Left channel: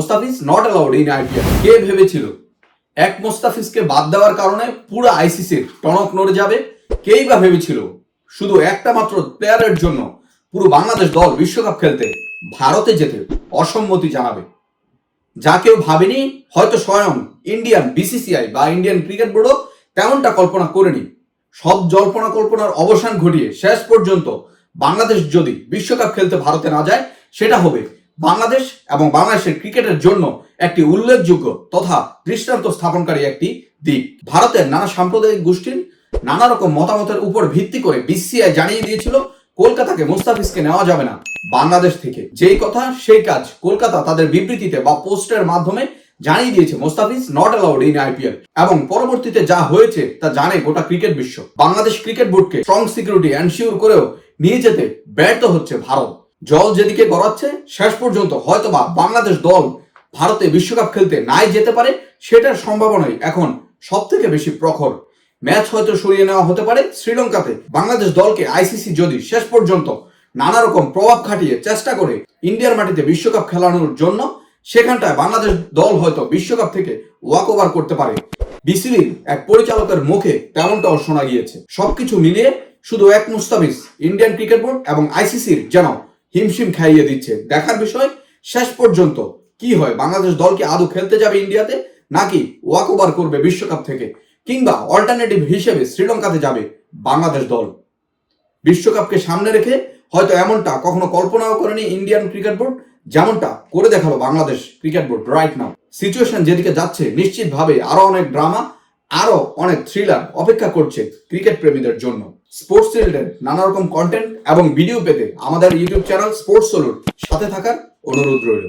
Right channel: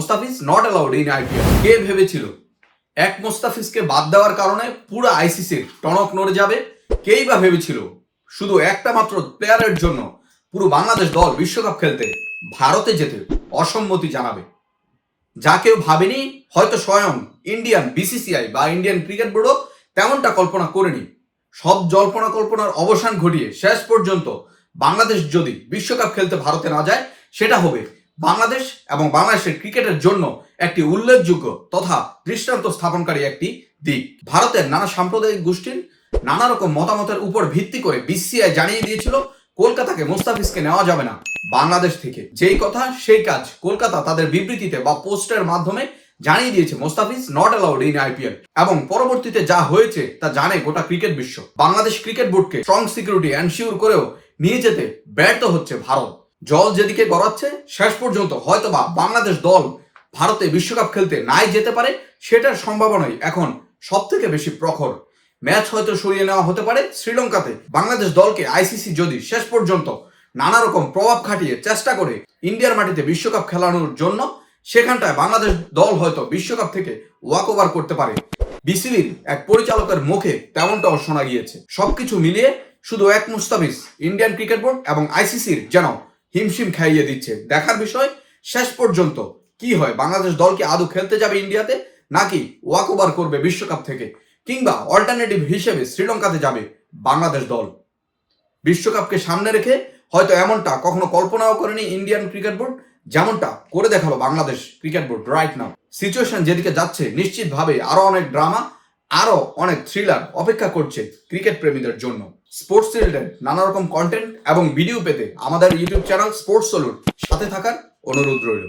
Mustafiz not allowed in IPL. কে ভেবেছিল এক মোস্তাফিজকে বাদ দেওয়ার কারণে পুরো আইসিসির টনক নড়ে যাবে? কেই বা ভেবেছিল শুধু একটা মাত্র প্লেয়ারের জন্য পুরো বাংলাদেশ দল বিশ্বকাপ খেলতে ভারতে যেতে অসম্মতি জানাবে? যা কেউ ভাবেনি, হয়তো স্বয়ং ইন্ডিয়ান বিসিসিআই বা ইন্ডিয়ান ক্রিকেট বোর্ডও তেমনটা কল্পনা করেনি। সব জল্পনা কল্পনার অবসান ঘটিয়ে শেষ পর্যন্ত বাংলাদেশ যদি বিশ্বকাপ খেলতে ভারতে না যায়, সেটা হবে বাংলাদেশ এবং বাংলাদেশের ক্রিকেটের জন্য একটি উল্লেখযোগ্য তথা দৃষ্টান্ত স্থাপনকারী একটি দিক। ভারতের নানা সাম্প্রদায়িক গোষ্ঠীর নানা রকম মতামতের উপর ভিত্তি করে বিসিসিআই জানিয়ে দিয়েছিল কলকাতাকে মুস্তাফিজকে নেওয়া যাবে না বাংলাদেশ থেকে। যেই কথা সেই কাজ কলকাতা তাদের বিবৃতিতে বা পোস্টের মাধ্যমে জানিয়ে দিয়েছে Mustafiz not allowed in IPL. এবং পরবর্তীতে যা হয়েছে তা জানে গোটা ক্রিকেট বিশ্ব। বাংলাদেশ ক্রিকেট বোর্ডকে স্ট্রং সিকিউরিটি এনশিওর করেও নিয়ে যেতে ব্যর্থ হচ্ছে ভারত। জল যেদিকে গড়াচ্ছে, শেষ পর্যন্ত হয়তোবা বাংলাদেশ দল ভারতে বিশ্বকাপ খেলতে নাই যেতে পারে, সেটার সম্ভাবনাই এখন সব থেকে বেশি প্রখর। ম্যাচ হয়তো সরিয়ে নেওয়া হতে পারে শ্রীলঙ্কাতে। বাংলাদেশ দলকে আইসিসি যদি শেষ পর্যন্ত নানা রকম প্রভাব খাটিয়ে চেষ্টা করে ইন্ডিয়ার মাটিতে বিশ্বকাপ খেলানোর জন্য, সেখানটায় বাংলাদেশ দল হয়তো বিশ্বকাপ থেকে ওয়াক ওভার করতে পারে। বিসিবির এক পরিচালকের মুখে তেমনটাও শোনা গিয়েছে। সবকিছু মিলিয়ে শুধু এক মুস্তাফিজ ইন্ডিয়ান ক্রিকেট বোর্ড এবং আইসিসির যেন হিমশিম খাইয়ে দিচ্ছে। দেখার বিষয় শেষ পর্যন্ত কি হয়। বাংলাদেশ দল কি আদৌ খেলতে যাবে ইন্ডিয়াতে, নাকি ওয়াক ওভার করবে বিশ্বকাপ থেকে, কিংবা অল্টারনেটিভ হিসেবে শ্রীলঙ্কাতে যাবে বাংলাদেশ দল? বিশ্বকাপকে সামনে রেখে হয়তো এমনটা কখনো কল্পনাও করেনি ইন্ডিয়ান ক্রিকেট বোর্ড, যেমনটা করে দেখালো Bangladesh cricket board right now. Situation যেদিকে যাচ্ছে, নিশ্চিতভাবে আরো অনেক ড্রামা, আরো অনেক থ্রিলার অপেক্ষা করছে ক্রিকেট প্রেমীদের জন্য। স্পোর্টস রিলেটেড নানা রকম কন্টেন্ট এবং ভিডিও পেতে আমাদের ইউটিউব চ্যানেল স্পোর্টস সলুট সাথে থাকার অনুরোধ রইল।